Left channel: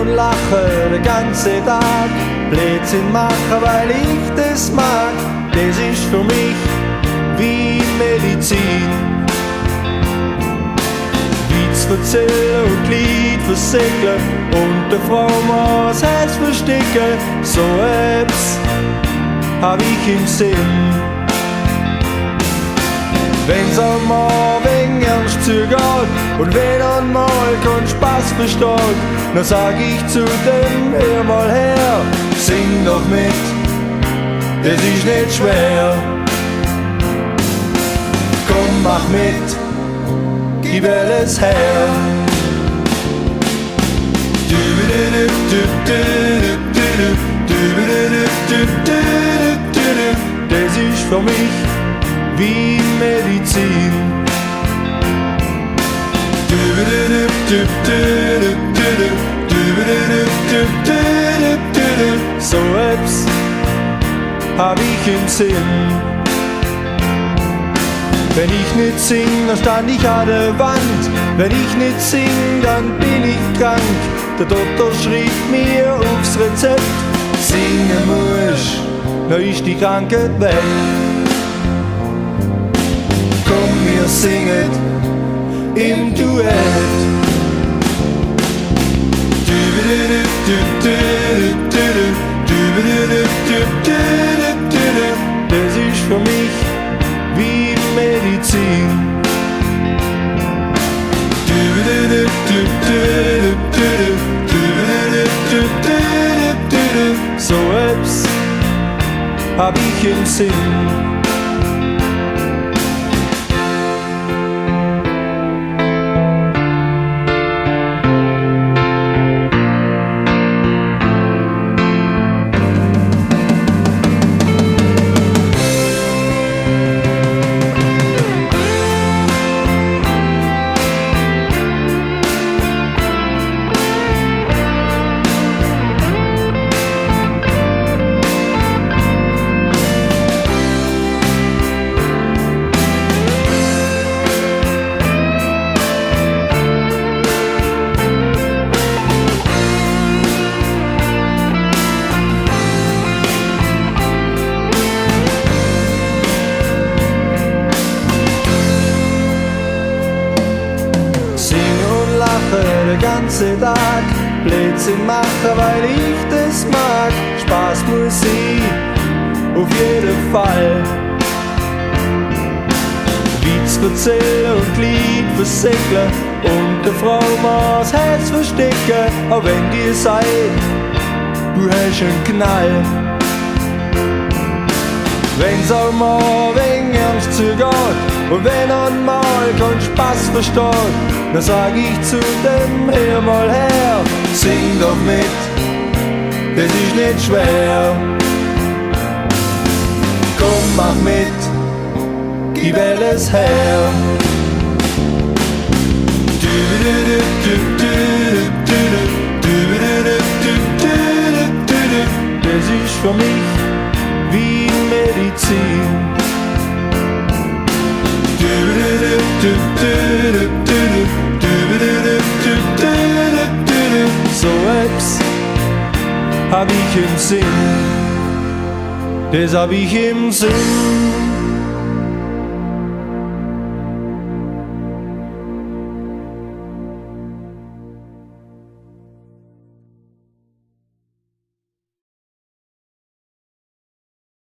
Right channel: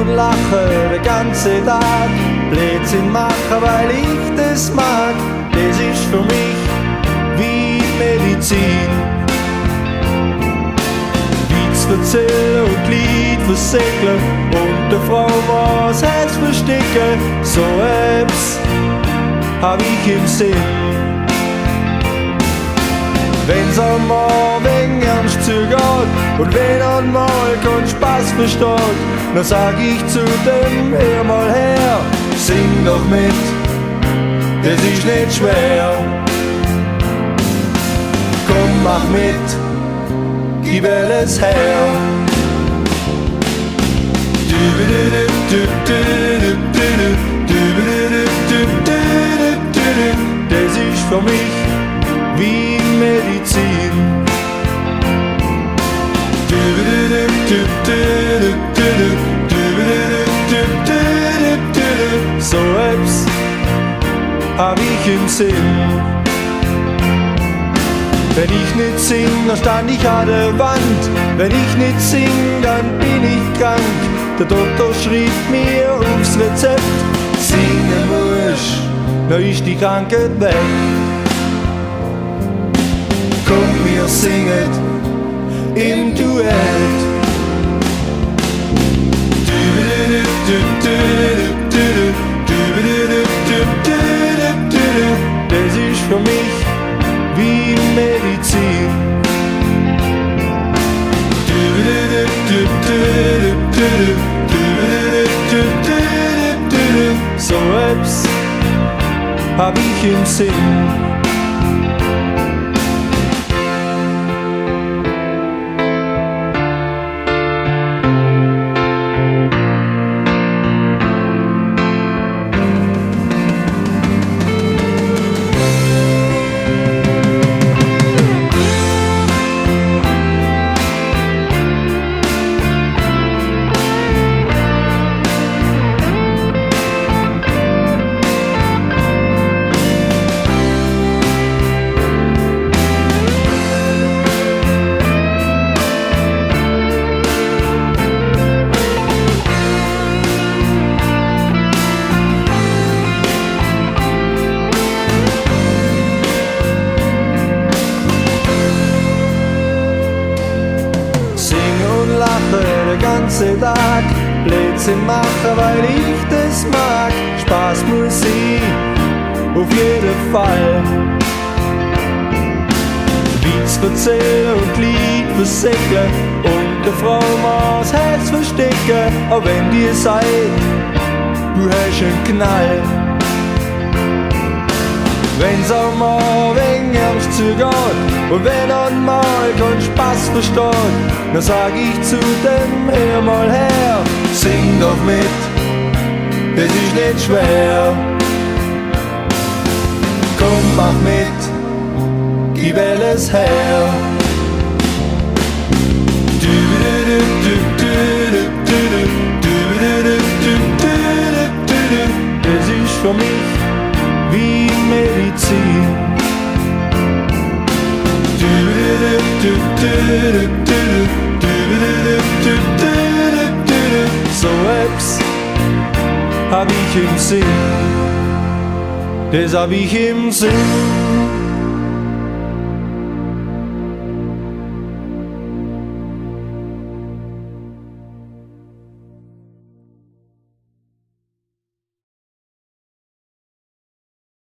und lache den ganzen Tag, Blödsinn machen, weil ich das mag. Das ist für mich wie Medizin. Witz erzählen und Lied versäckeln und der Frau mal das Herz verstecken, so etwas hab ich im Sinn. Wenn's einmal wegen ernst zugeht und wenn einmal kein Spaß versteht, dann sag ich zu dem, hör mal her, sing doch mit, das ist nicht schwer. Komm, mach mit, gib alles her. Das ist für mich wie Medizin. So etwas hab ich im Sinn. Wenn ich nicht sing, dann stand ich an der Wand. Wenn ich nicht sing, dann bin ich krank. Der Doktor schrieb mir aufs Rezept, singen musst, dann ist die Krankheit weg. Komm, wir singen im Duett. Das ist für mich wie Medizin. So etwas hab ich im Sinn. Lache den ganzen Tag, Blödsinn machen, weil ich das mag. Spaß muss sein, auf jeden Fall. Witz erzählen und Lied versäckeln und der Frau mal das Herz verstecken, auch wenn dir sagt, du hast einen Knall. Wenn's auch mal wegen ernst zugeht und wenn einmal kein Spaß versteht, dann sag ich zu dem, hör mal her, sing doch mit, das ist nicht schwer. Komm, mach mit, gib alles her. Das ist für mich wie Medizin. So etwas hab ich im Sinn, das hab ich im Sinn.